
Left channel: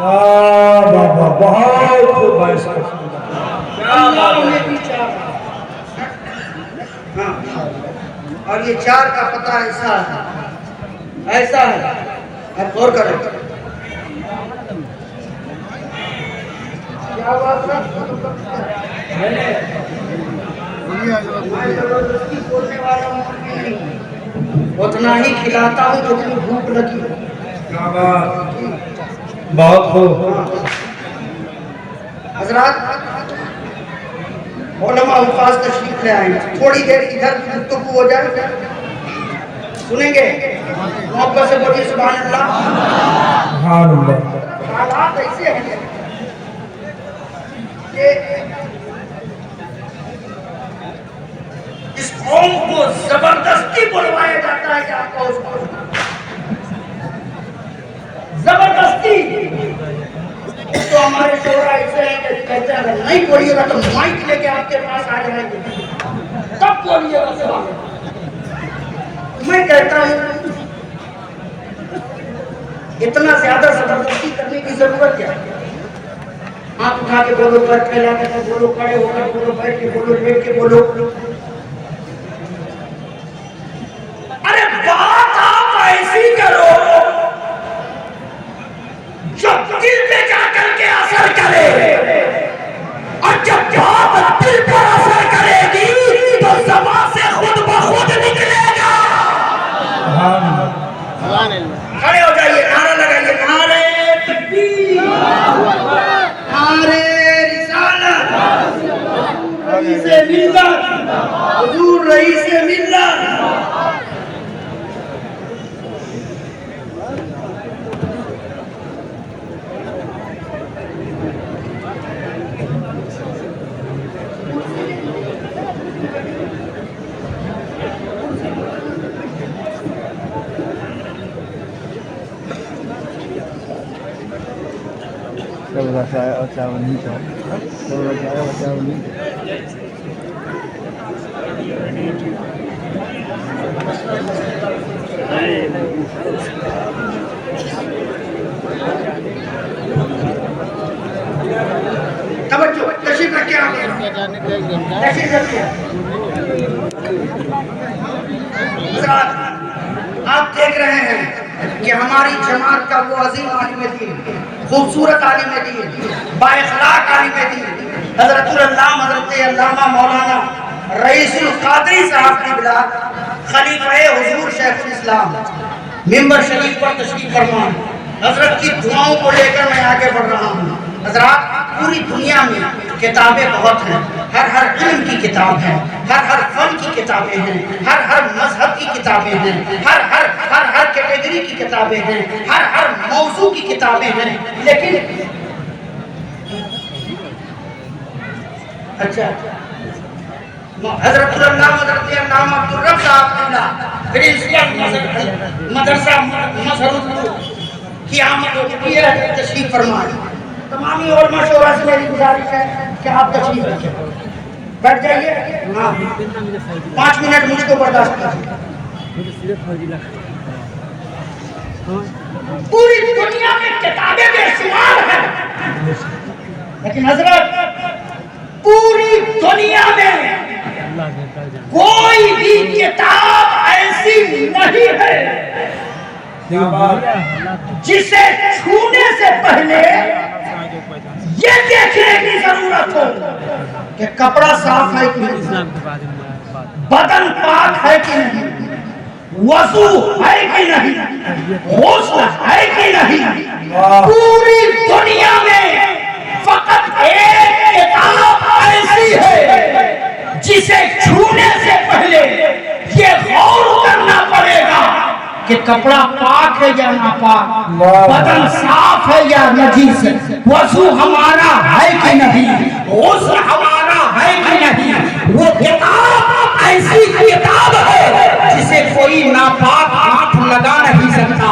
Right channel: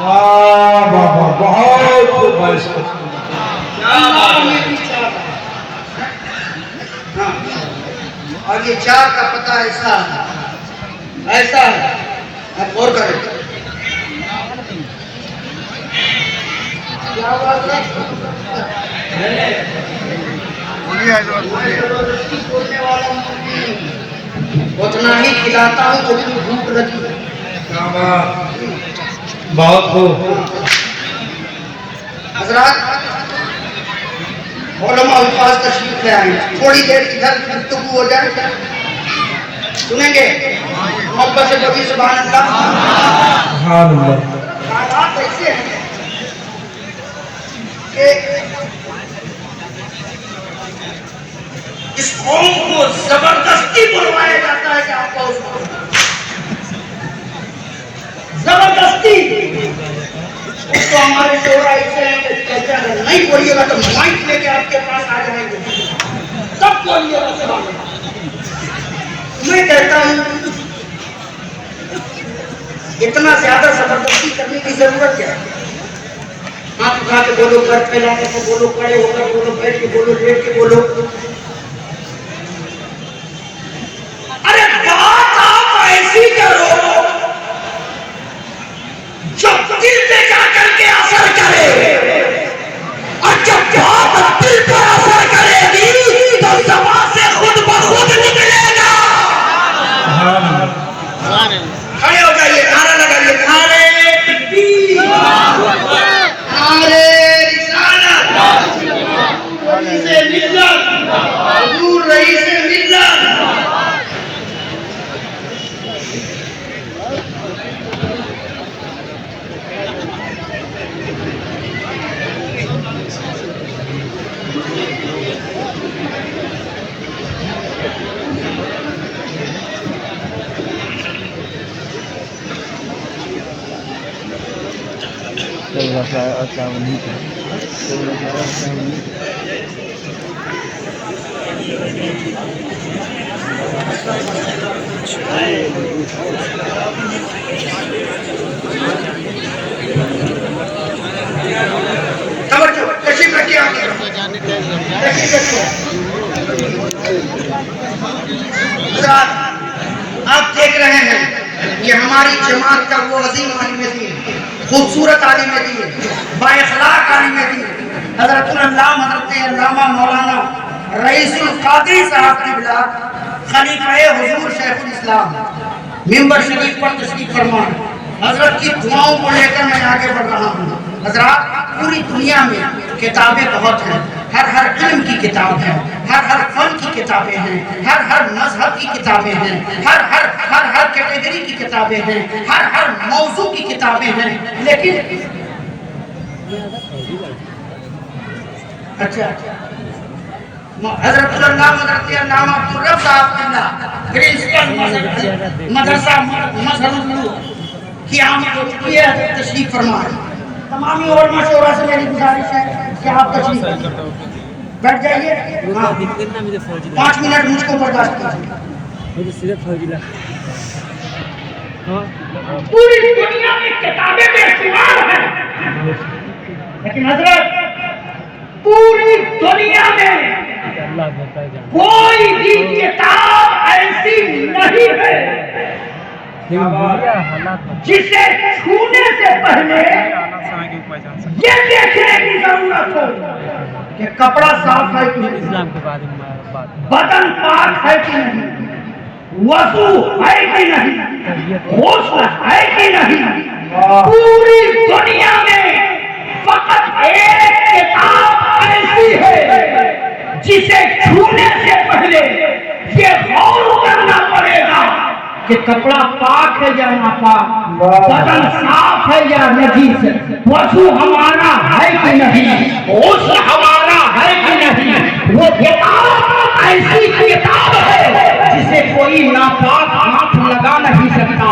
واہ واہ واہ، بہت خوب بھائی صاحب۔ اللہ میں بھی 4 حرف۔ ہاں، اور یہ 4 کا پتہ ایسا ہے، آپ غور کریں۔ کیا بات ہے؟ زبردستی بولنے والا نہیں، اتنا ہی کھلاتا ہوں جتنی بھوک لگی ہے۔ کیا بات، بہت خوب۔ حضرات علماء الفاظ تشریف لے آئیں، تھوڑی دیر ادھر گفتگو ہو جائے، سنیں گے؟ محبت سے بڑی سبحان اللہ۔ سبحان اللہ۔ حالات ایسے ہیں کہ اس قوم کو زبردستی بلوایا جاتا ہے کہ آپ کا اس کو زبردستی اس کو ہمارے شعراء ایسے ہیں کہ کہتے ہیں اگر نہیں بولیے گا تو مائک لے کے آپ کے پاس آ جائیں گے، تب بولیے گا سبحان اللہ۔ میں کہتا ہوں اتنا زیادہ زبردستی کرنے کی ضرورت کیا ہے؟ ہاتھ اٹھا کے بولو، گھر پھیلا کے بولو، کھڑے ہو کر بولو، بیٹھ کے بولو، لیٹ کے بولو۔ ارے بات آپ ایسی کرو جو دل پہ جا کر کے اثر کرے، اور جب بات دل پر اثر کرے گی تو زبان سے خود بخود نکلے گا۔ سبحان اللہ۔ کھڑے ہو جائیے، نعرہ لگائیے، نعرہ تکبیر، نعرہ رسالت، نعرہ ملت۔ توجہ تشریف رکھیے آگے تشریف رکھیے آپ دیکھ رہے ہیں کہ ہماری جماعت کا وہ عظیم عالم دین، خوبصورت عالم دین، با اخلاق عالم دین، حضرت العلامہ حضرت علامہ مولانا رئیس القادری صاحب کی بلاد خلیفہ حضور شیخ الاسلام ممبر شریف پر تشریف فرما، حضرت کی دعاؤں کو لے کر میں آگے بڑھ رہا ہوں۔ حضرات پوری دنیا میں کتابیں بہت ہیں، ہر علم کی کتاب ہے، ہر فن کی کتابیں ہیں، ہر مذہب کی کتابیں ہیں، ہر کیٹیگری کی کتابیں ہیں، ہر موضوع کی کتابیں ہیں، لیکن اچھا حضرت اللہ حضرت علامہ عبدالرب صاحب قبلہ پرنسپل مدرسہ مظہر العلوم کی آمد ہو چکی ہے، تشریف فرمائیں۔ تمامی علماء شورا سے میری گزارش ہے کہ آپ تشریف رکھیں، بیٹھ جائیے، 5 منٹ مجھ کو برداشت کیجیے۔ پوری دنیا میں کتابیں بے شمار ہیں، لیکن حضرت پوری دنیا میں کوئی بھی کتاب ایسی نہیں ہے جسے چھونے سے پہلے یہ دیکھنے کی ضرورت ہو کہ کپڑا صاف ہے کہ نہیں، بدن پاک ہے کہ نہیں، وضو ہے کہ نہیں، غسل ہے کہ نہیں۔ پوری دنیا میں فقط ایک کتاب ایسی ہے جسے چھونے سے پہلے یہ غور کرنا پڑے گا کہ کپڑا پاک ہے یا ناپاک، بدن صاف ہے یا نجیس، وضو ہمارا ہے کہ نہیں، غسل ہمارا ہے کہ نہیں۔ وہ کتاب ایسی کتاب ہے جسے کوئی ناپاک ہاتھ لگا نہیں سکتا،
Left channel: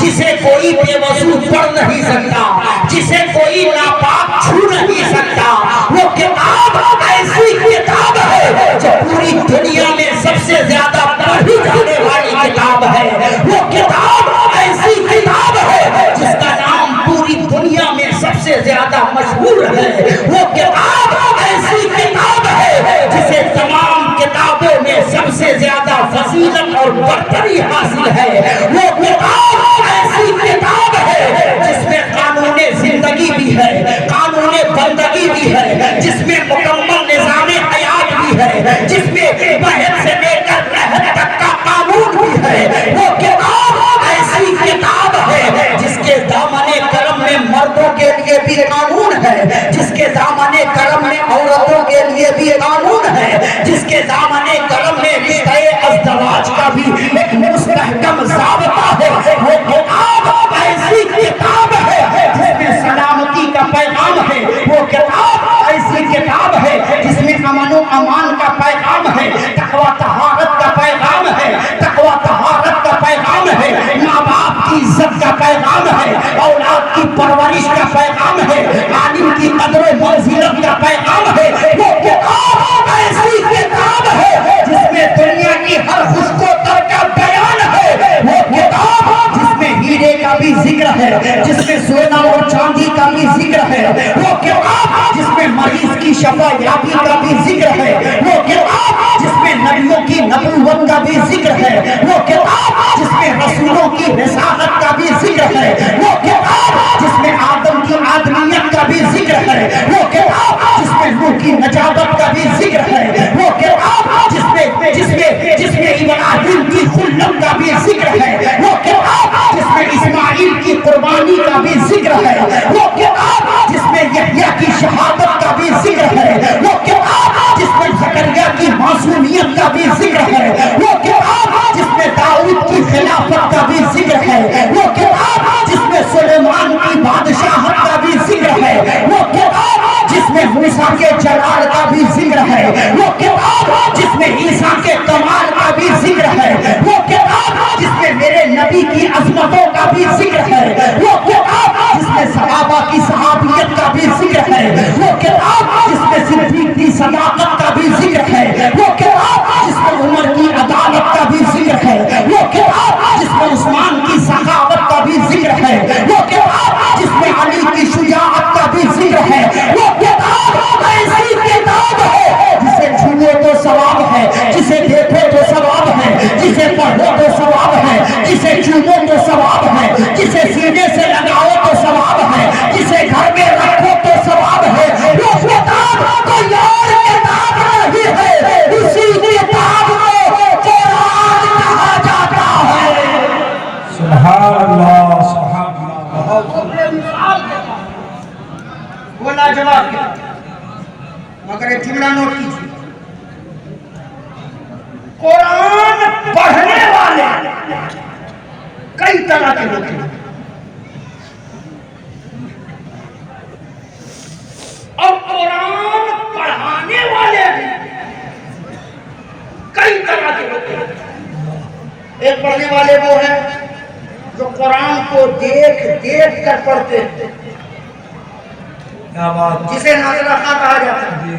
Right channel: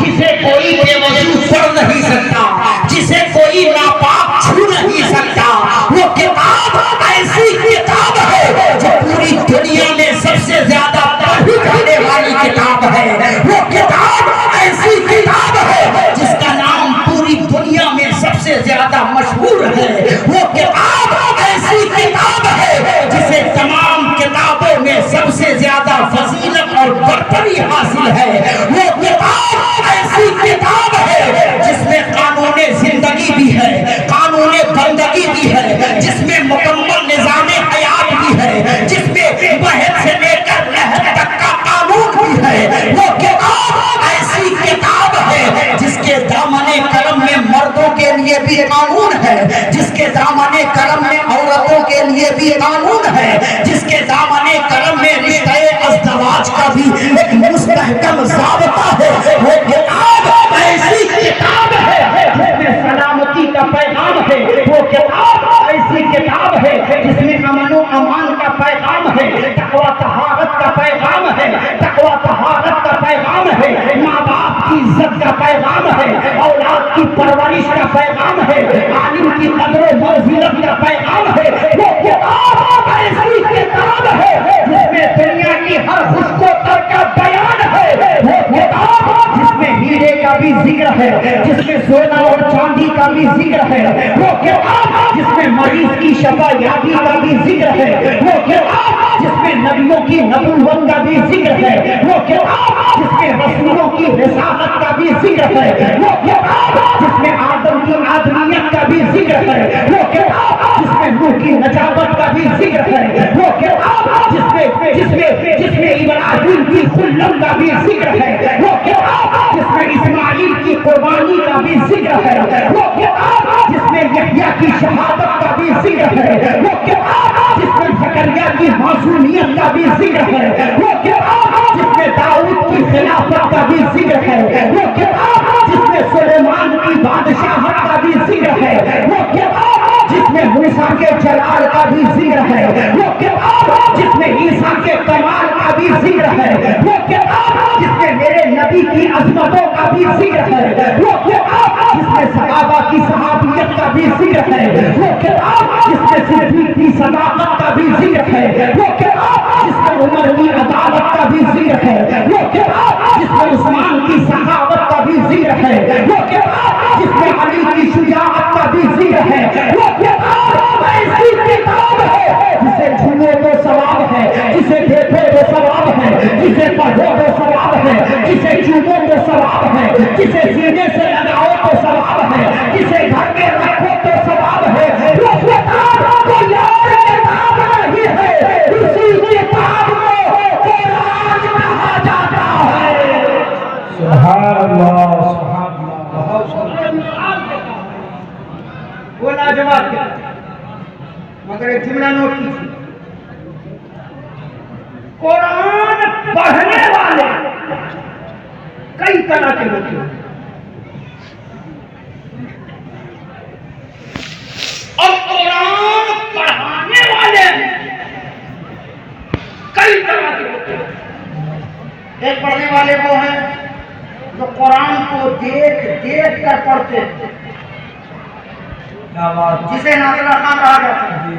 جسے کوئی بے وضو پڑھ نہیں سکتا، جسے کوئی ناپاک چھو نہیں سکتا۔ وہ کتاب ایسی کتاب ہے جو پوری دنیا میں سب سے زیادہ پڑھی جانے والی کتاب ہے۔ وہ کتاب ایسی کتاب ہے جس کا نام پوری دنیا میں سب سے زیادہ مشہور ہے۔ وہ کتاب ایسی کتاب ہے جسے تمام کتابوں میں سب سے زیادہ فضیلت اور برتری حاصل ہے۔ وہ کتاب ایسی کتاب ہے جس میں قانون زندگی بھی ہے، قانون بندگی بھی ہے، جس میں مکمل نظام حیات بھی ہے، جس میں بحث سے لے کر لحد تک کا قانون بھی ہے۔ وہ کتاب ایسی کتاب ہے جس کے دامن کرم میں مردوں کے لیے بھی قانون ہے، جس کے دامن کرم میں عورتوں کے لیے بھی قانون ہے، جس کے دامن کرم میں رشتہ ازدواج کا بھی ایک مستحکم ضابطہ ہے۔ وہ کتاب ایسی کتاب ہے جس میں سلامتی کا پیغام ہے۔ وہ کتاب ایسی کتاب ہے جس میں امن و امان کا پیغام ہے، تقوی طہارت کا پیغام ہے، تقوی طہارت کا پیغام ہے، ماں باپ کی عزت کا پیغام ہے، اولاد کی پرورش کا پیغام ہے، عالم کی قدر و منزلت کا پیغام ہے۔ وہ کتاب ایسی کتاب ہے جس میں دنیا کی ہر خوش کو تر کا بیان ہے۔ وہ کتاب جس میں ہیرے کا بھی ذکر ہے، جس میں سونا اور چاندی کا بھی ذکر ہے۔ وہ کتاب جس میں مریض کی شفا یابی کا بھی ذکر ہے۔ وہ کتاب جس میں نبیوں کی نبوت کا بھی ذکر ہے۔ وہ کتاب جس میں رسولوں کی رسالت کا بھی ذکر ہے۔ وہ کتاب جس میں آدم کی آدمیت کا بھی ذکر ہے۔ وہ کتاب جس میں نوح کی نجابت کا بھی ذکر ہے۔ وہ کتاب جس میں ابراہیم کی خلت کا بھی ذکر ہے۔ وہ کتاب جس میں اسماعیل کی قربانی کا بھی ذکر ہے۔ وہ کتاب جس میں یحییٰ کی شہادت کا بھی ذکر ہے۔ وہ کتاب جس میں زکریا کی معصومیت کا بھی ذکر ہے۔ وہ کتاب جس میں داؤد کی خلافت کا بھی ذکر ہے۔ وہ کتاب جس میں سلیمان کی بادشاہت کا بھی ذکر ہے۔ وہ کتاب جس میں موسیٰ کے جلال کا بھی ذکر ہے۔ وہ کتاب جس میں عیسیٰ کے کمال کا بھی ذکر ہے۔ وہ کتاب جس میں میرے نبی کی عظمتوں کا بھی ذکر ہے۔ وہ کتاب جس میں صحابہ کی صحابیت کا بھی بھی ذکر ہے، وہ کتاب جس میں صدیق کی صداقت کا بھی ذکر ہے، وہ کتاب جس میں عمر کی عدالت کا بھی ذکر ہے، وہ کتاب جس میں عثمان کی سخاوت کا بھی ذکر ہے، وہ کتاب جس میں علی کی شجاعت کا بھی ذکر ہے، وہ کتاب ایسی کتاب ہے جسے چھو تو ثواب ہے، جسے دیکھو تو ثواب ہے، جسے پڑھو تو ثواب ہے، جسے چومو تو ثواب ہے، جسے سینے سے لگاؤ تو ثواب ہے، جسے گھر میں رکھو تو ثواب ہے۔ وہ کتاب کوئی اور کتاب نہیں ہے، اسی کتاب کو قرآن کہا جاتا ہے۔ سبحان اللہ سبحان اللہ۔ وہ لاجواب ہے، مگر ایک جملہ نوٹ کیجیے، قرآن پڑھنے والے کئی طرح کے ہوتے ہیں اور قرآن پڑھانے والے کئی طرح کے ہوتے ہیں۔ ایک پڑھنے والے وہ ہیں جو قرآن کو دیکھ دیکھ کر پڑھتے ہیں، کیا بات جسے نازلہ خواں کہا جاتا ہے۔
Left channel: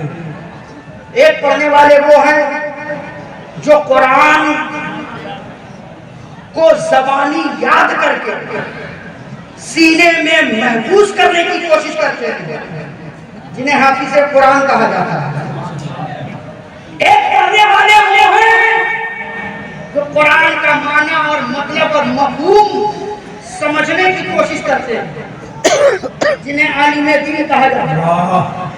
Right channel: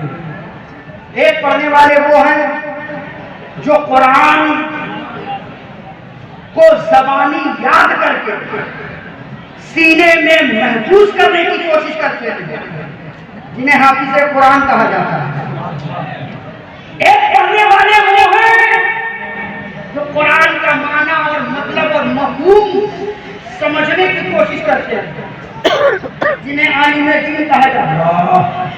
ایک پڑھنے والے وہ ہیں جو قرآن کو زبانی یاد کر کے سینے میں محفوظ کرنے کی کوشش کرتے ہیں، جنہیں حافظ قرآن کہا جاتا ہے۔ ایک پڑھنے والے وہ ہیں جو قرآن کا معنی اور مطلب اور مفہوم سمجھنے کی کوشش کرتے ہیں، جنہیں عالم دین کہا جاتا ہے۔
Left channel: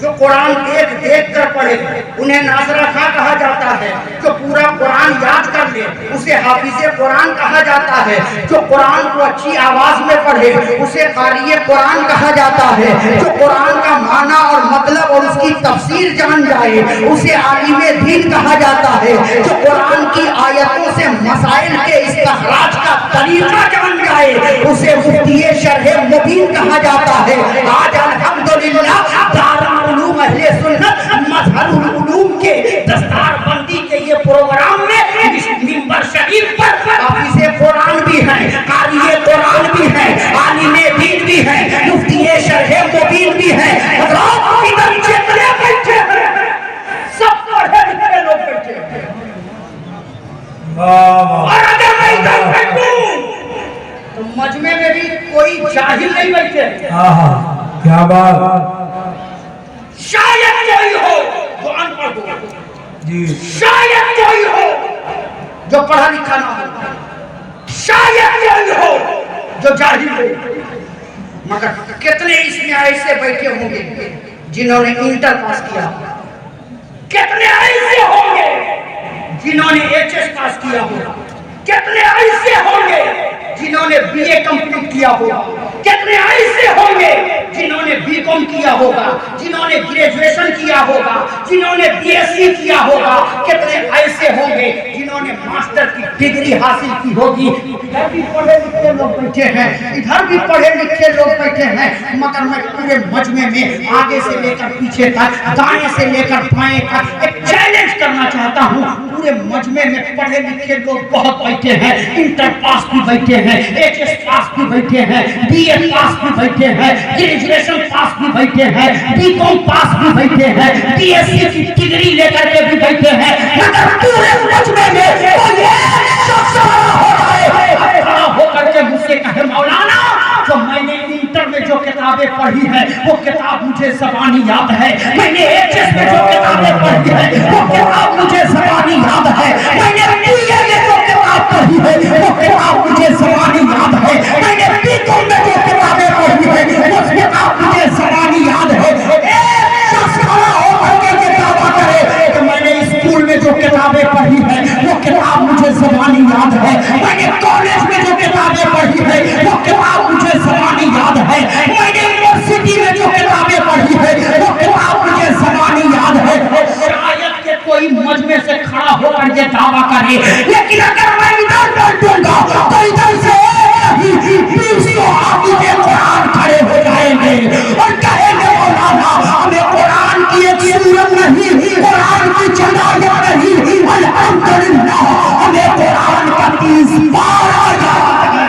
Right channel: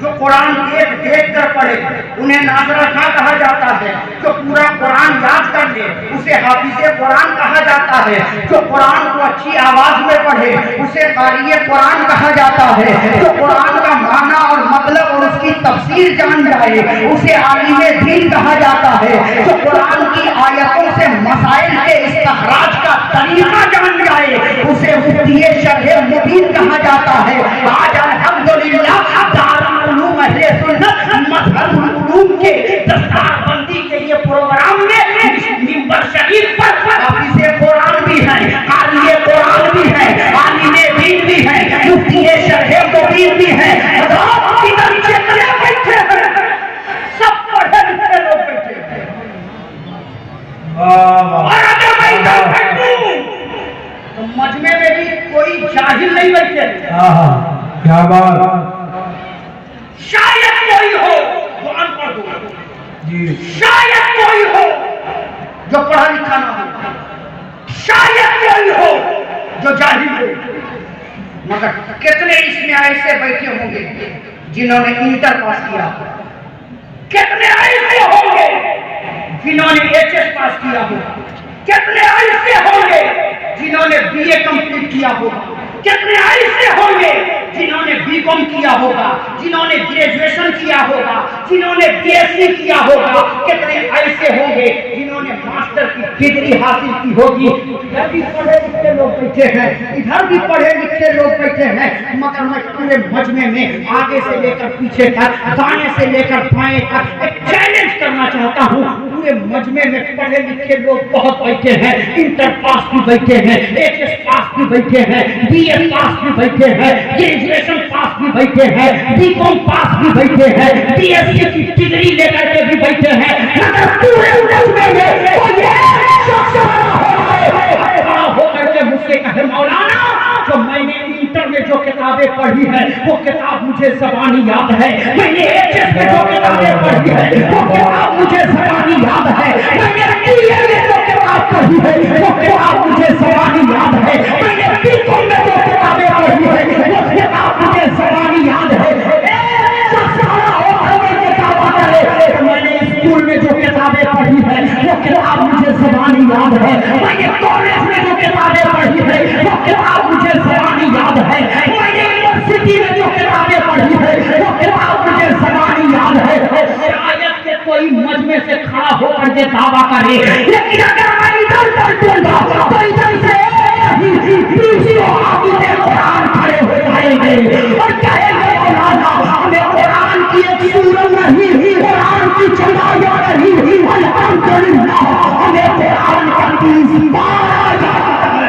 جو قرآن دیکھ دیکھ کر پڑھے انہیں ناظرہ خواں کہا جاتا ہے۔ جو پورا قرآن یاد کر لے اسے حافظ قرآن کہا جاتا ہے۔ جو قرآن کو اچھی آواز میں پڑھے اسے قاری قرآن کہا جاتا ہے۔ جو قرآن کا معنی اور مطلب اور اس کی تفسیر جان جائے اسے عالم دین کہا جاتا ہے۔ جو قرآن کی آیتوں سے مسائل کے استخراج کا طریقہ جان جائے اسے مفتی شرح مبین کہا جاتا ہے۔ آج الحمدللہ دارالعلوم اہل سنت مظہر العلوم کے دستار بندی کے یہ پروگرام میں منبر شریف پر حافظ قرآن بھی ہیں، قاری قرآن بھی ہیں، عالم دین بھی ہیں، مفتی شرح مبین بھی ہیں۔ حضرات ادھر جتنے بیٹھے ہیں سب پڑھے لکھے لوگ بیٹھے ہیں، اور اگر میں ادھر بیٹھوں تو مجمع میں بھی کوئی جاہل نہیں بیٹھے۔ کیا بات شاید کوئی ہو جو ان پڑھ ہو، جی، شاید کوئی ہو جو پڑھا لکھا نہ ہو، شاید کوئی ہو جو جاہل ہو، مگر کتنے اس میں ایسے بیٹھے ہوں گے جنہوں نے انٹر پاس کیا، کتنے ایسے ہوں گے جنہوں نے ایچ ایس پاس کیا ہوگا، کتنے ایسے ہوں گے جنہوں نے بی اے کمپلیٹ کیا ہوگا، کتنے ایسے ہوں گے جنہوں نے بی کام کیا ہوگا، جنہوں نے گریجویشن کیا ہوگا، جنہوں نے بی ایس سی کیا ہوگا، کتنے ایسے ہوں گے جنہوں نے ماسٹر کی ڈگری حاصل کی ہوگی۔ ادھر بھی پڑھے لکھے لوگ بیٹھے ہیں، ادھر بھی پڑھے لکھے لوگ بیٹھے ہیں، مگر میں پورے مجمع میں آگے سے لے کر پیچھے تک، دائیں سے لے کر بائیں تک ایک چیلنج کرنا چاہتا ہوں۔ پورے مجمع میں پڑھے لکھے لوگ بہت بیٹھے ہیں، انٹر پاس بھی بیٹھے ہیں، ایچ ایس پاس بھی بیٹھے ہیں، بی اے پاس بھی بیٹھے ہیں، گریجویشن پاس بھی بیٹھے ہیں، بی کام پاس بھی بیٹھے ہیں، بی ایس سی کی ڈگری لے کر کے بھی بیٹھے ہیں، مگر پورے مجمع میں کوئی ایک شخص کھڑا ہو کر کے مجھ سے کہے مولانا جو میں نے انٹر میں جو کتابیں پڑھی ہیں وہ کتاب مجھے زبانی یاد ہے، میں نے ایچ ایس میں جو کتابیں پڑھی ہیں وہ کتاب مجھے زبانی یاد ہے، میں نے بی اے میں جو کتاب پڑھی ہے وہ کتاب مجھے زبانی یاد ہے، میں نے بی کام میں جو کتابیں پڑھی ہے وہ کتاب مجھے زبانی یاد ہے۔ ایک شخص کھڑا ہو کر کے یہ دعویٰ کرے کہ میں نے اسکول میں جو کتابیں پڑھی ہے وہ کتاب مجھے زبانی یاد ہے، میں نے کالج میں جو کتابیں پڑھی ہے وہ کتاب مجھے زبانی یاد ہے، میں نے یونیورسٹی میں جو کتابیں پڑھی ہے وہ کتاب مجھے زبانی یاد ہے۔ شاید کہ کوئی مجمع سے کھڑا ہو کر یہ دعویٰ کرے، لیکن اگر میں ادھر بیٹھوں گا تو ادھر سے قرآن کھڑے ہو جائیں گے اور کہیں گے مولانا ہمیں قرآن کی ایک سورت نہیں، قرآن کی چندائیاں نہیں، الحمدللہ ہمیں قرآن کا 30 بار آیا ہے۔